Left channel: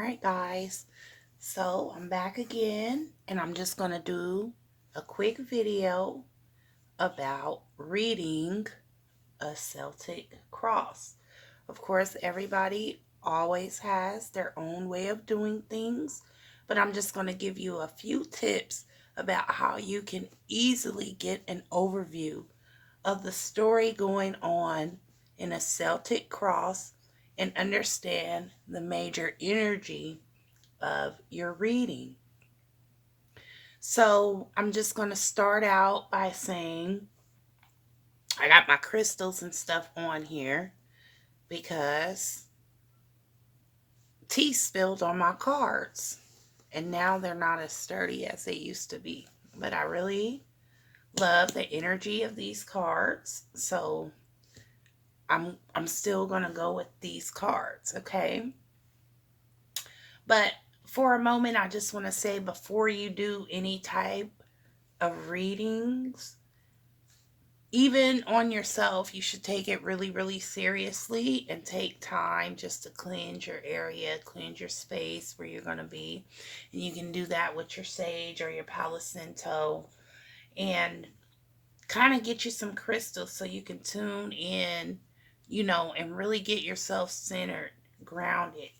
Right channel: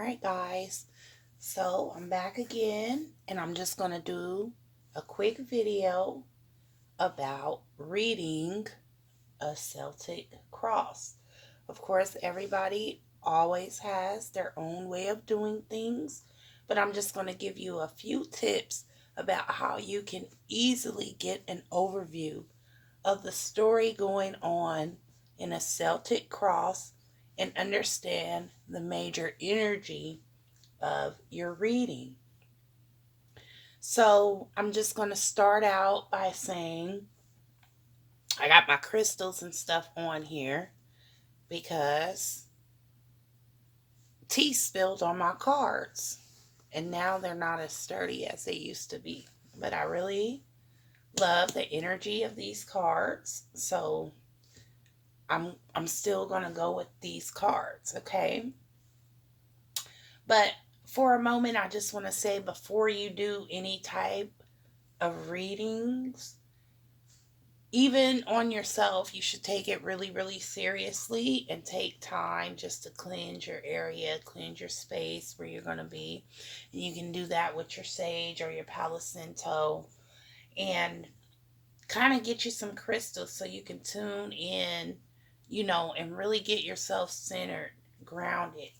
right, guys. So I'm back again, and I'm just going to do a quick video about reading a Celtic cross. Of course, everybody always has their own way of doing things, but I'm just going to give you a few tips about how you can easily get an overview of the story going on in a Celtic cross and understand the major energy of your reading. So I'm just going to start out by saying I got my crystals and stuff on here because tea spilled on my cards and now they're not as sturdy as they used to be. But I really love the energy of these cards. So I'm still going to go with these cards, okay? But for a moment, I just want to say before you do any type of readings, even on yourself, you should take it really, really seriously and take time just to cleanse your area, cleanse your space where you're going to be. And you can do that with your sage or your Palo Santo and kind of get you some crystals so you can tune in, and really get yourself centered, grounded.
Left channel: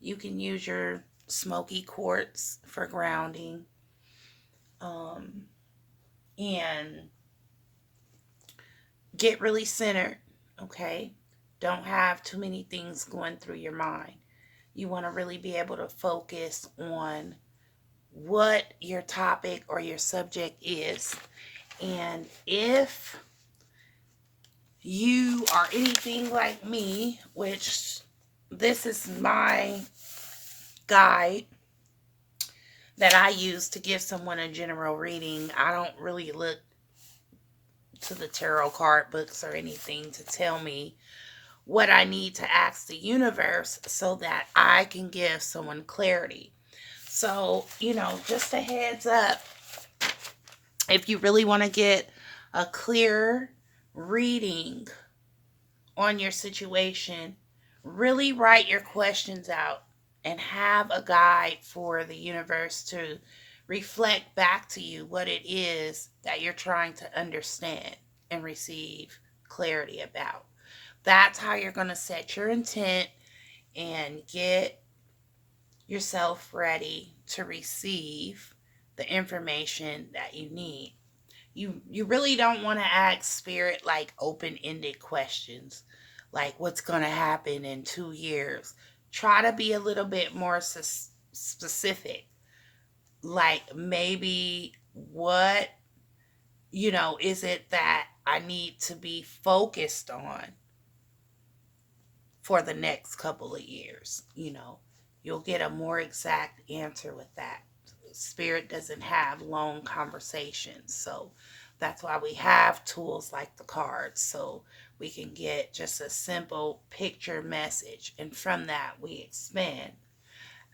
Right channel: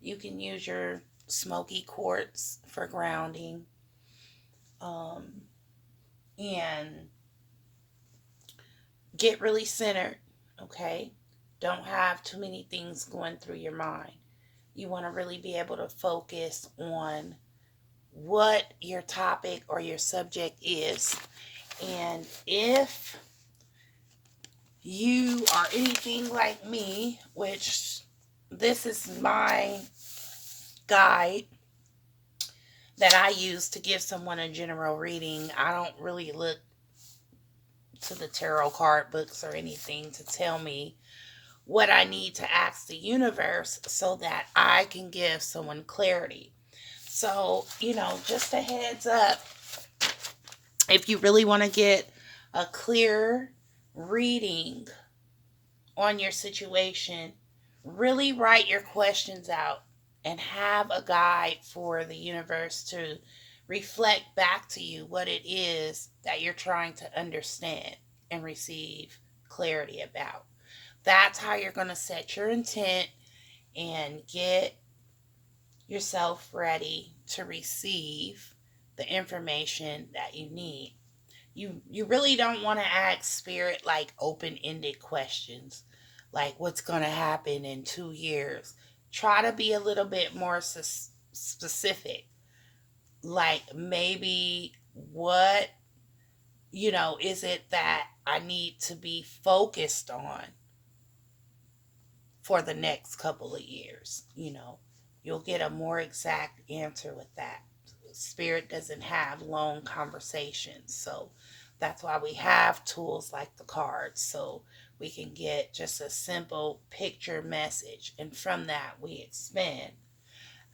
You can use your smoky quartz for grounding. And get really centered, okay? Don't have too many things going through your mind. You want to really be able to focus on what your topic or your subject is. And if you are anything like me, which this is my guide that I use to give someone a general reading, I don't really look to the tarot card books or anything to tell me what I need to ask the universe so that I can give someone clarity. So, just a heads up, if you really want to get a clear reading on your situation, really write your questions out and have a guide for the universe to reflect back to you what it is that you're trying to understand and receive clarity about. That's how you're going to set your intent and get yourself ready to receive the information that you need. You really don't want to ask spirit like open-ended questions like what's going to happen in 2 years. Try to be a little bit more specific. Like maybe what is it that I need to be focused on for the next couple of years? You'll get a more exact answer with that. Spirit doesn't have long conversations, so that's why we have tools like the cards, so we can get just a simple picture message, and from that we expand.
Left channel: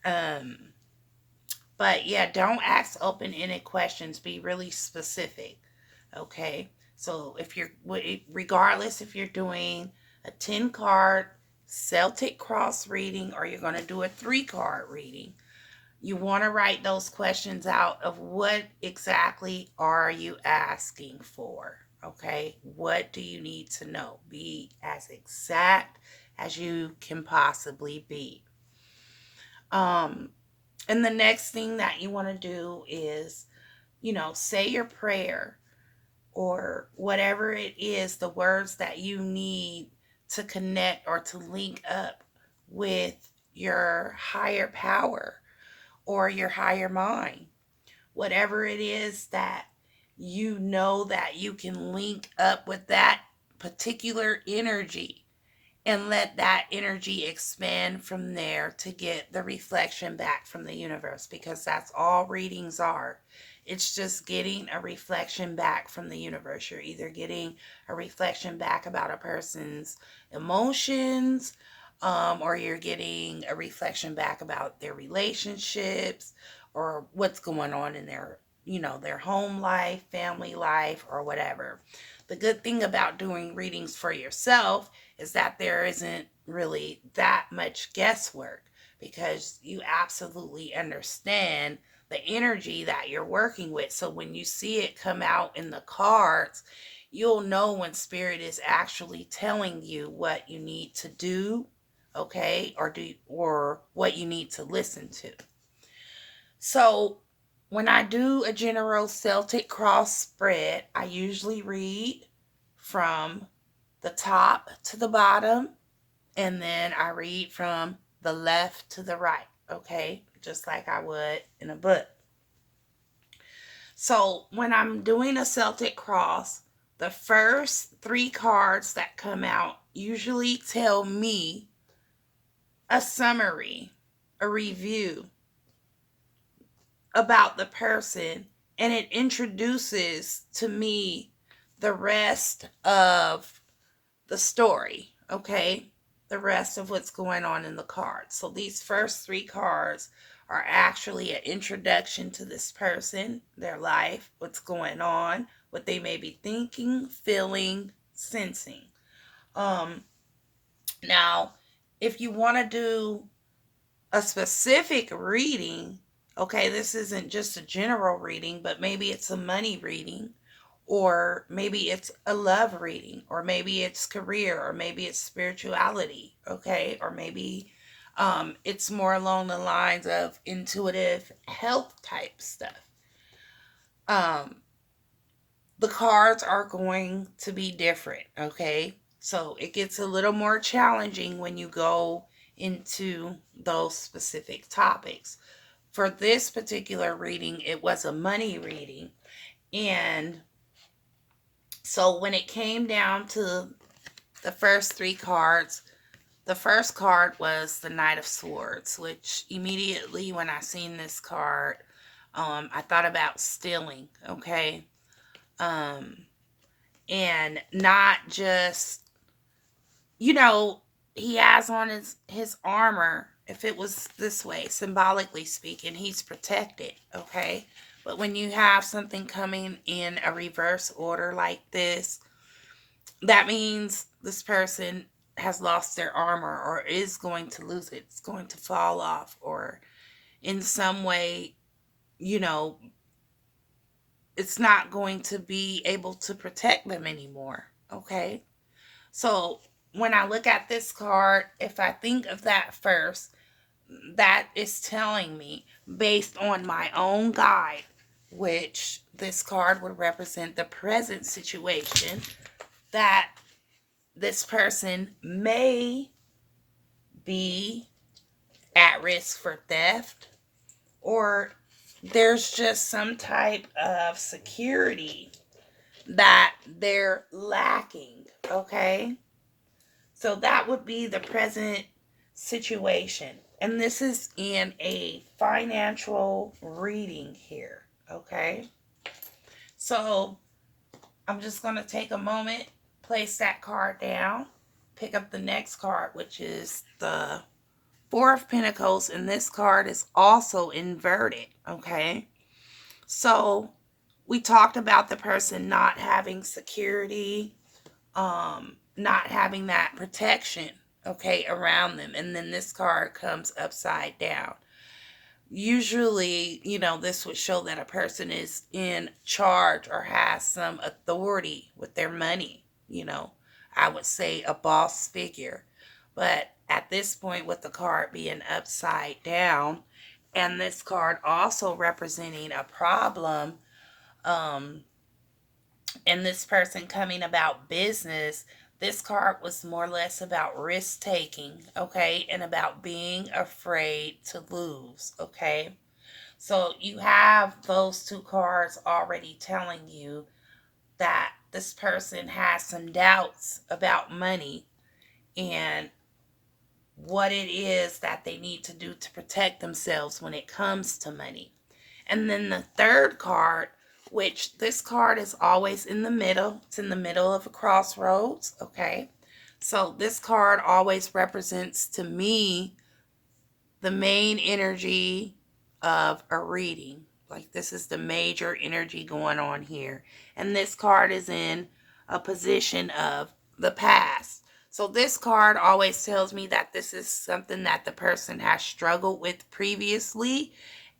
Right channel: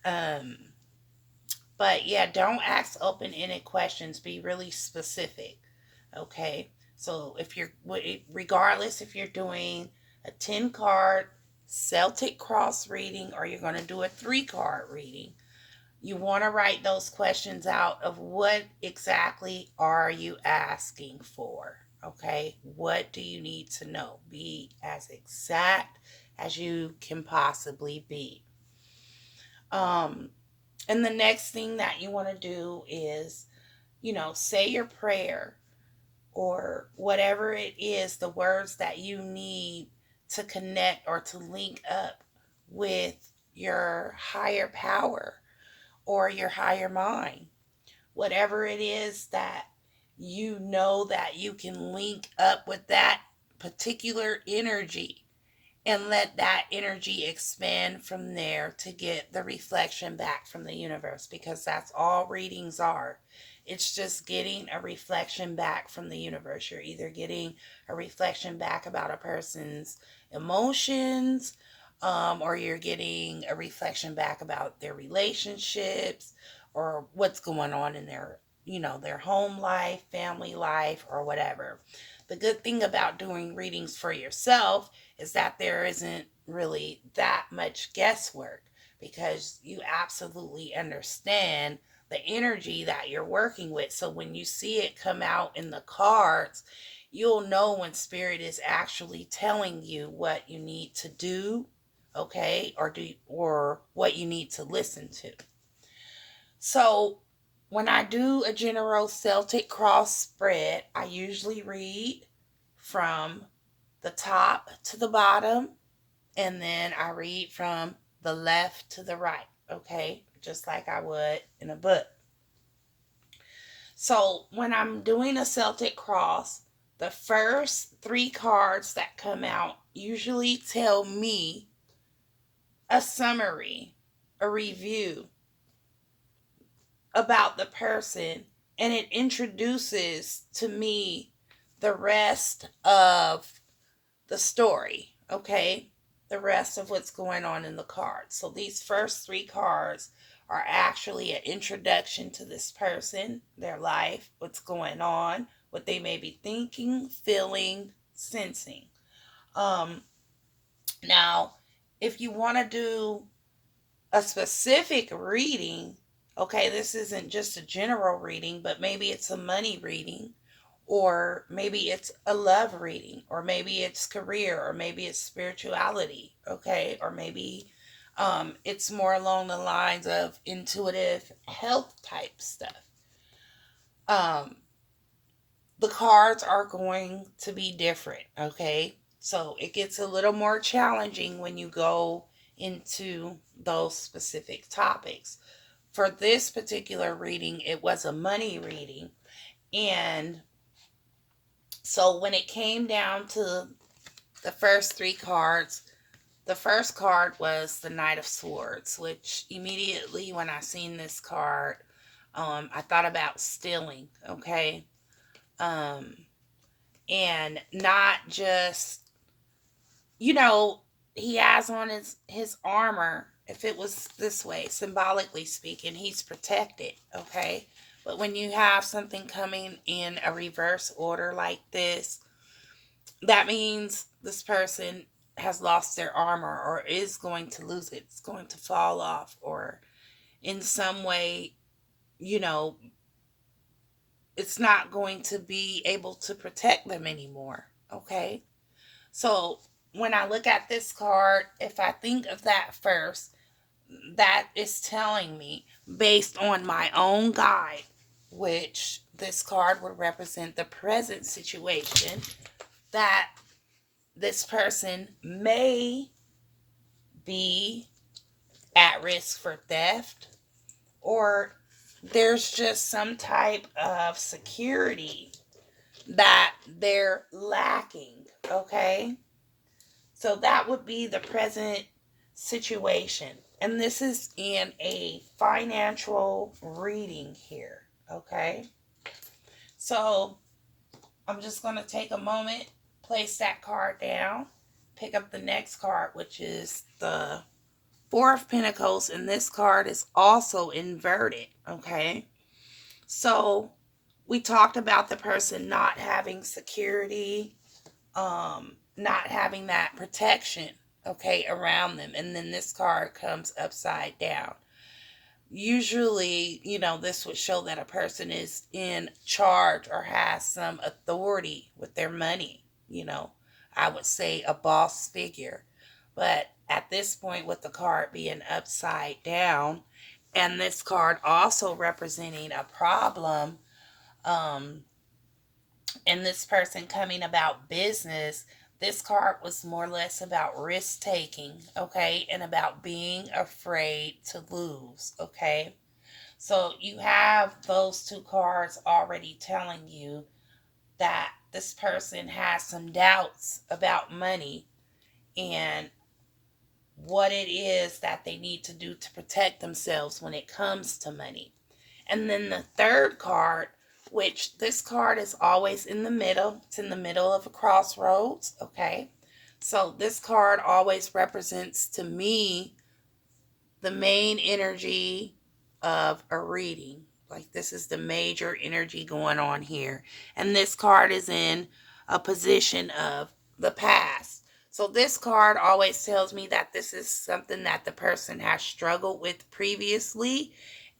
um but yeah, don't ask open-ended questions. Be really specific, okay? So if you're, regardless if you're doing a 10 card Celtic cross reading or you're going to do a 3 card reading, you want to write those questions out of what exactly are you asking for, okay? What do you need to know? Be as exact as you can possibly be. And the next thing that you want to do is, say your prayer or whatever it is, the words that you need to connect or to link up with your higher power or your higher mind. Whatever it is that that you can link up with that particular energy and let that energy expand from there to get the reflection back from the universe, because that's all readings are. It's just getting a reflection back from the universe. You're either getting a reflection back about a person's emotions, or you're getting a reflection back about their relationships or what's going on in their home life, family life, or whatever. The good thing about doing readings for yourself is that there isn't really that much guesswork, because you absolutely understand the energy that you're working with. So when you see it come out in the cards, you'll know when spirit is actually telling you what you need to do, okay, or what you need to listen to. So when I do a general Celtic cross spread, I usually read from the top to the bottom, and then I read from the left to the right, okay? Just like I would in a book. So when I'm doing a Celtic cross, the first three cards that come out usually tell me a summary, a review about the person, and it introduces to me the rest of the story, okay? The rest of what's going on in the cards. So these first three cards are actually an introduction to this person, their life, what's going on, what they may be thinking, feeling, sensing. Um, Now, if you want to do a specific reading, okay, this isn't just a general reading, but maybe it's a money reading, or maybe it's a love reading, or maybe it's career, or maybe it's spirituality, okay, or maybe it's more along the lines of intuitive health type stuff. Um, the cards are going to be different, okay? So it gets a little more challenging when you go into those specific topics. For this particular reading, it was a money reading. And so when it came down to the first three cards, the first card was the Knight of Swords, which immediately when I seen this card, I thought about stealing, okay? Um, and not just, you know, he has on his armor. If it was this way, symbolically speaking, he's protected, okay? But when you have something coming in a reverse order like this, that means this person has lost their armor or is going to lose it. It's going to fall off, or in some way, you know, it's not going to be able to protect them anymore, okay? So when I look at this card, if I think of that first, that is telling me, based on my own guide, which this card would represent the present situation, that this person may be at risk for theft, or there's just some type of security that they're lacking, okay? So that would be the present situation. And this is in a financial reading here, okay? So I'm just going to take a moment, place that card down, pick up the next card, which is the Four of Pentacles, and this card is also inverted, okay? So we talked about the person not having security, not having that protection, okay, around them. And then this card comes upside down. Usually, you know, this would show that a person is in charge or has some authority with their money, you know. I would say a boss figure. But at this point, with the card being upside down, and this card also representing a problem, um, and this person coming about business, this card was more or less about risk taking, okay, and about being afraid to lose, okay. So you have those two cards already telling you that this person has some doubts about money and what it is that they need to do to protect themselves when it comes to money. And then the third card, which this card is always in the middle. It's in the middle of a crossroads, okay? So this card always represents to me the main energy of a reading. Like, this is the major energy going on here. And this card is in a position of the past. So this card always tells me that this is something that the person has struggled with previously,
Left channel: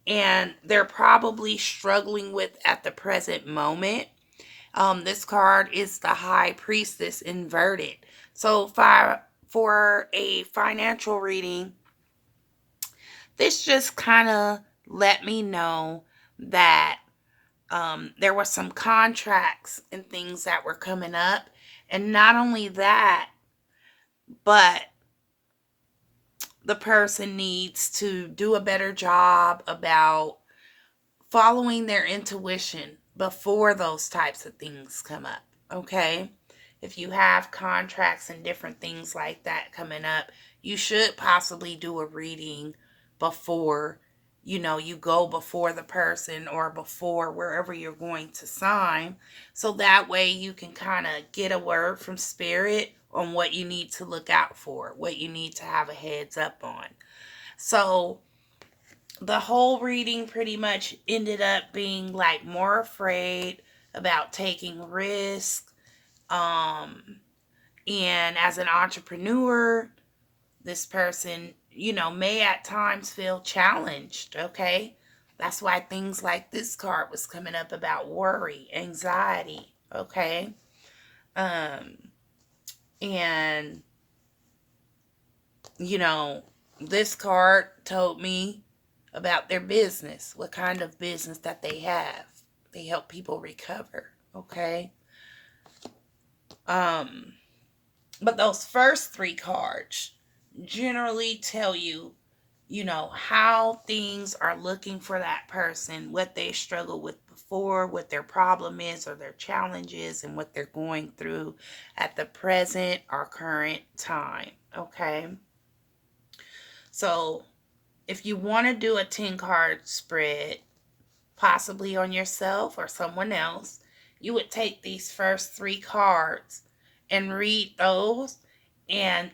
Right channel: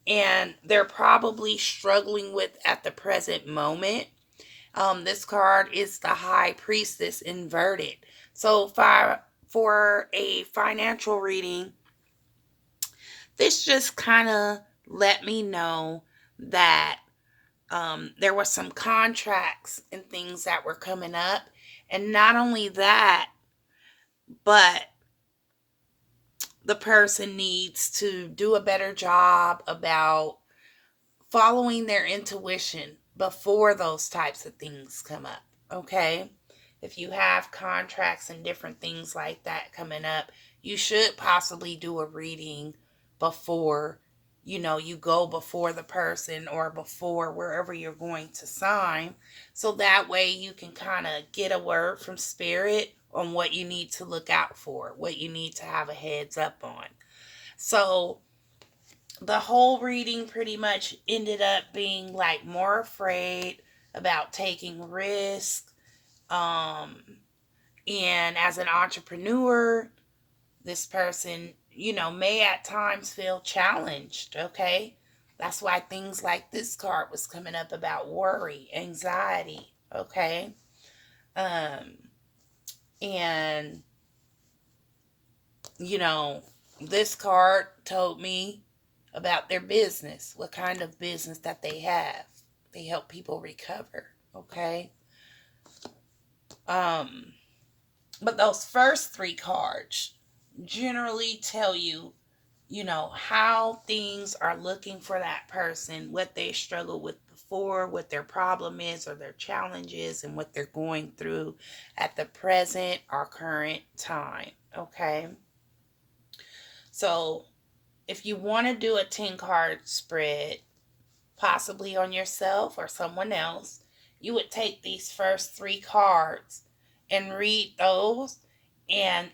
and they're probably struggling with at the present moment. This card is the High Priestess inverted. So for a financial reading, this just kind of let me know that there were some contracts and things that were coming up. And not only that, but the person needs to do a better job about following their intuition before those types of things come up. Okay? If you have contracts and different things like that coming up, you should possibly do a reading before, you go before the person or before wherever you're going to sign. So that way you can kind of get a word from spirit on what you need to look out for, what you need to have a heads up on. So the whole reading pretty much ended up being like more afraid about taking risks. And as an entrepreneur, this person, may at times feel challenged. Okay. That's why things like this card was coming up about worry, anxiety. Okay. And, this card told me about their business, what kind of business that they have. They help people recover. Okay. But those first three cards generally tell you, how things are looking for that person, what they struggled with before, what their problem is or their challenges, and what they're going through at the present or current time. Okay. So if you want to do a 10 card spread, possibly on yourself or someone else, you would take these first three cards and read those, and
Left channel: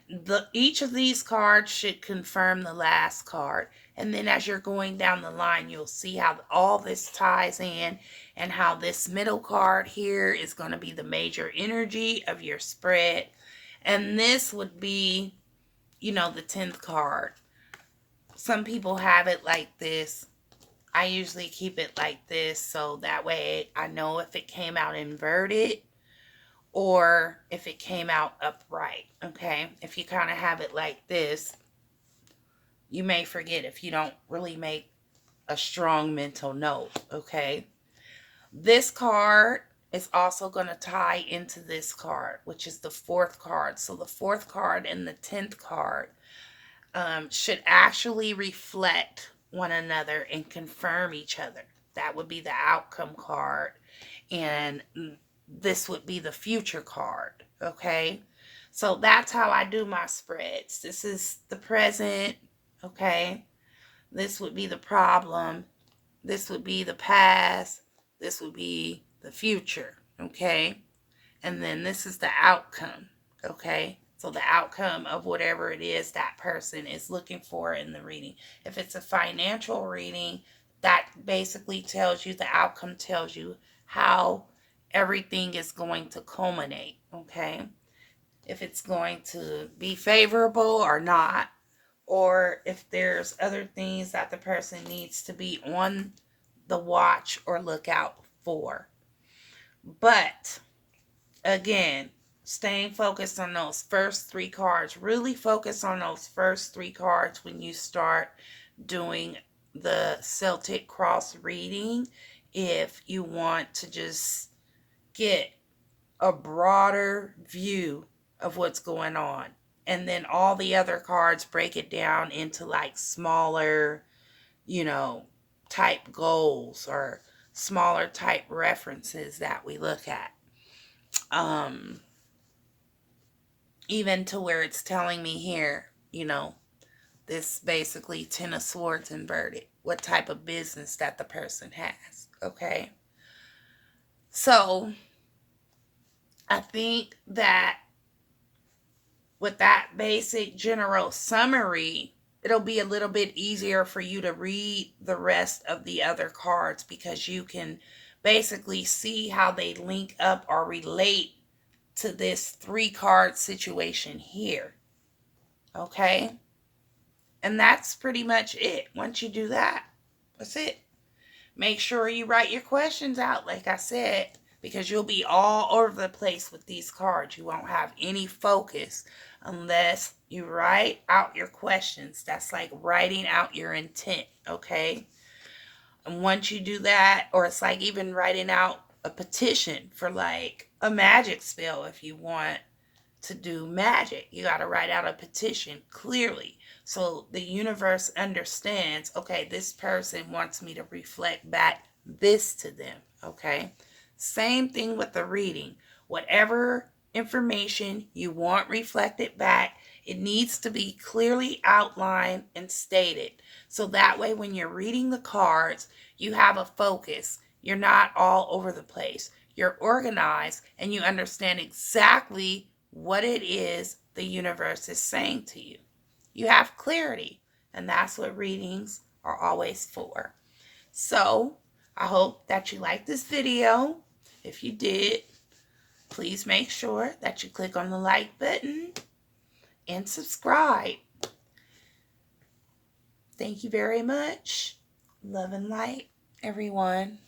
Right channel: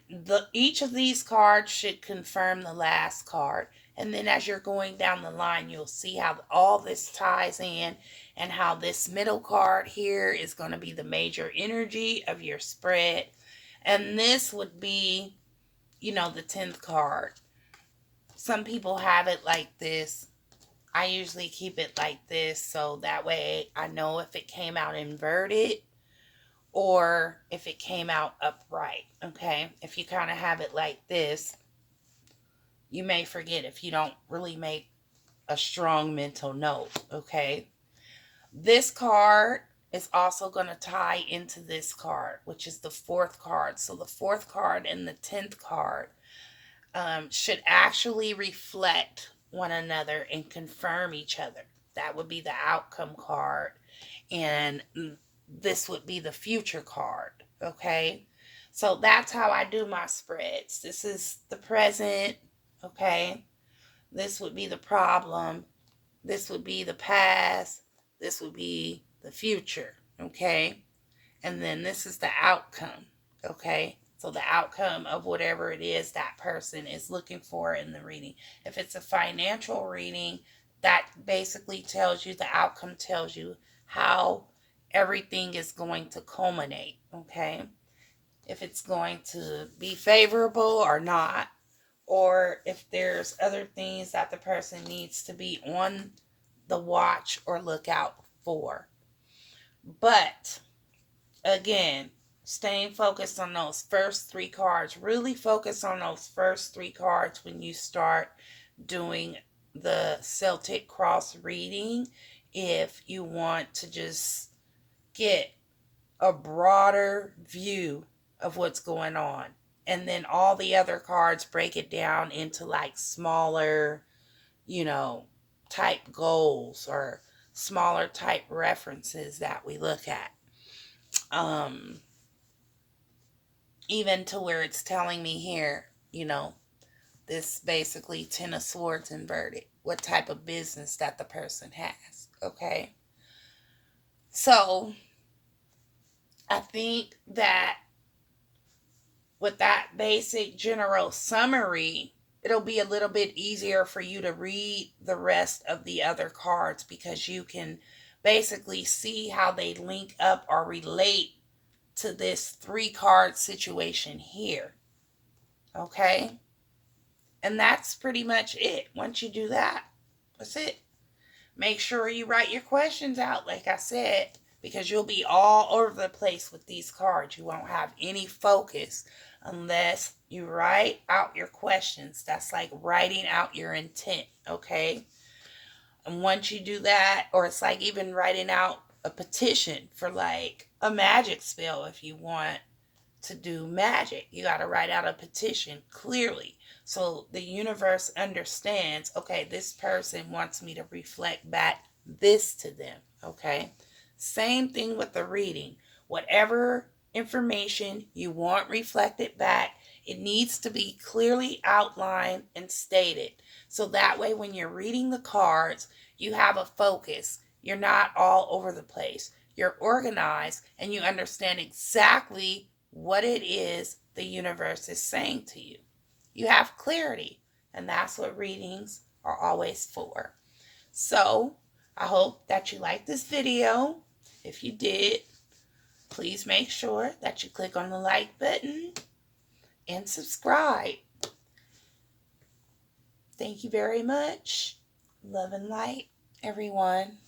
each of these cards should confirm the last card. And then as you're going down the line, you'll see how all this ties in, and how this middle card here is going to be the major energy of your spread. And this would be, the 10th card. Some people have it like this. I usually keep it like this, so that way I know if it came out inverted or if it came out upright. Okay. If you kind of have it like this, you may forget if you don't really make a strong mental note. Okay. This card is also going to tie into this card, which is the fourth card. So the fourth card and the 10th card should actually reflect one another and confirm each other. That would be the outcome card, and this would be the future card. Okay. So that's how I do my spreads. This is the present. Okay. This would be the problem. This would be the past. This would be the future. Okay. And then this is the outcome. Okay. So the outcome of whatever it is that person is looking for in the reading. If it's a financial reading, that basically tells you, the outcome tells you how everything is going to culminate. Okay. If it's going to be favorable or not, or if there's other things that the person needs to be on the watch or lookout for. But again, staying focused on those first three cards. Really focus on those first three cards when you start doing the Celtic cross reading, if you want to just get a broader view of what's going on. And then all the other cards, break it down into like smaller, type goals or smaller type references that we look at. Even to where it's telling me here, this basically 10 of swords inverted, what type of business that the person has. Okay. So I think that with that basic general summary, it'll be a little bit easier for you to read the rest of the other cards, because you can basically see how they link up or relate to this 3-card situation here. Okay? And that's pretty much it. Once you do that, that's it. Make sure you write your questions out, like I said, because you'll be all over the place with these cards. You won't have any focus unless you write out your questions. That's like writing out your intent, okay? And once you do that, or it's like even writing out a petition for like a magic spell if you want to do magic. You got to write out a petition clearly so the universe understands, okay, this person wants me to reflect back this to them, okay? Same thing with the reading. Whatever information you want reflected back, it needs to be clearly outlined and stated. So that way when you're reading the cards, you have a focus. You're not all over the place. You're organized and you understand exactly what it is the universe is saying to you. You have clarity, and that's what readings are always for. So, I hope that you liked this video. If you did, please make sure that you click on the like button and subscribe. Thank you very much. Love and light, everyone.